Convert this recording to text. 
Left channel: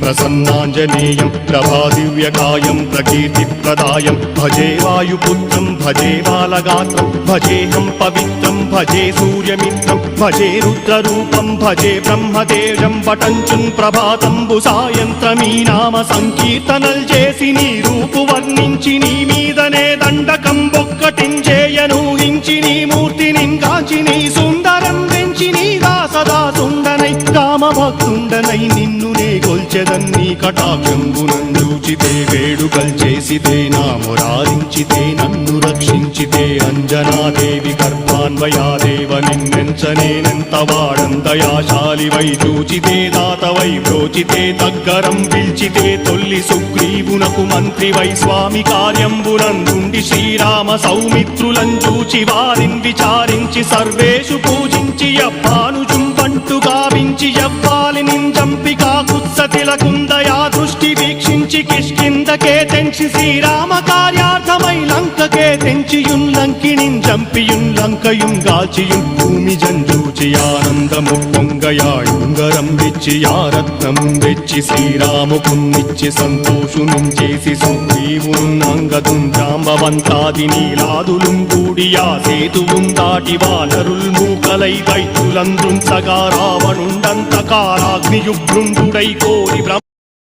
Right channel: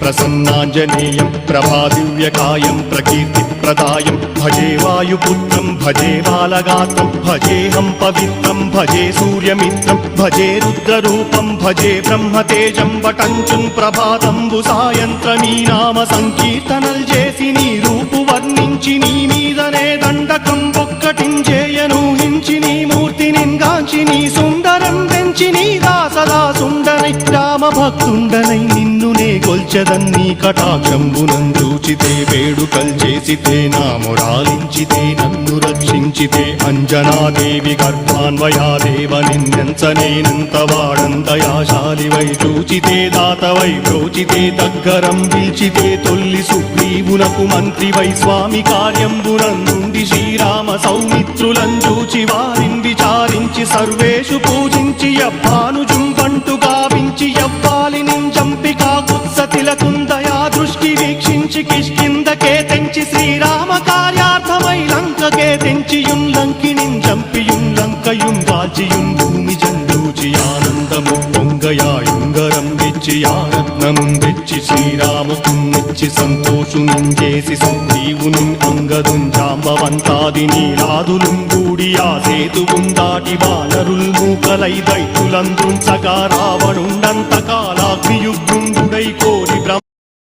प्रसन्नाञ्जनेयं प्रभादिव्यकायं प्रकीर्तिप्रदायं भजे वायुपुत्रं भजे बालगात्रं भजेऽहं पवित्रं भजे सूर्यमित्रं भजे रुद्ररूपं भजे ब्रह्मदेव्यं वटञ्चं ప్రభాతంబు సాయంత్రమీ నామ సంకీర్తనల్ చేసి నీ రూపు వర్ణించి నీ మీదనే దండకం ఒక్కటించేయను హించి నీ మూర్తిని గాంచి నీ సుందరం పెంచి నీ దాసదా సుందరై రామభక్తుండనై నిన్నునే కొల్చెదన్ని కటాక్షంబునందూచితే వేడుకల్ చేసితే నా మురారించితే నన్ను రక్షించితే అంజనాదేవి గర్భాన్వయాదేవనెంచనేనంత వాడందయాశాలివై చూచితే దాతవై బ్రోచితే దగ్గరం పిల్చితే తొల్లి సుగ్రీవునకు మంత్రివై స్వామి కార్యంబునందుండి శ్రీరామ సౌమిత్రులం చూచి వారిని విచారించి సర్వేషు పూజించి యవ్వానుజుంబంటు గావించి యవ్వాలిని చంపి కాకుత్సతిలకుందయా దృష్టి వీక్షించి కిష్కిందకే తెంచి శ్రీరామ కార్యార్థమై లంకకే తెంచియుం లంకిణిం చంపియుం లంకయుం గాచియుం భూమి జందూచి ఆనందము పొంగయాయుంగరం తెచ్చి ఆరత్నం తెచ్చి శ్రీరాముకున్నిచ్చి సంతోషునం చేసి సుగ్రీవును అంగదుం జాంబవంతాది నీలాదులుం కూడి ఆ సేతువుం దాటి వానరుల్ మూకలై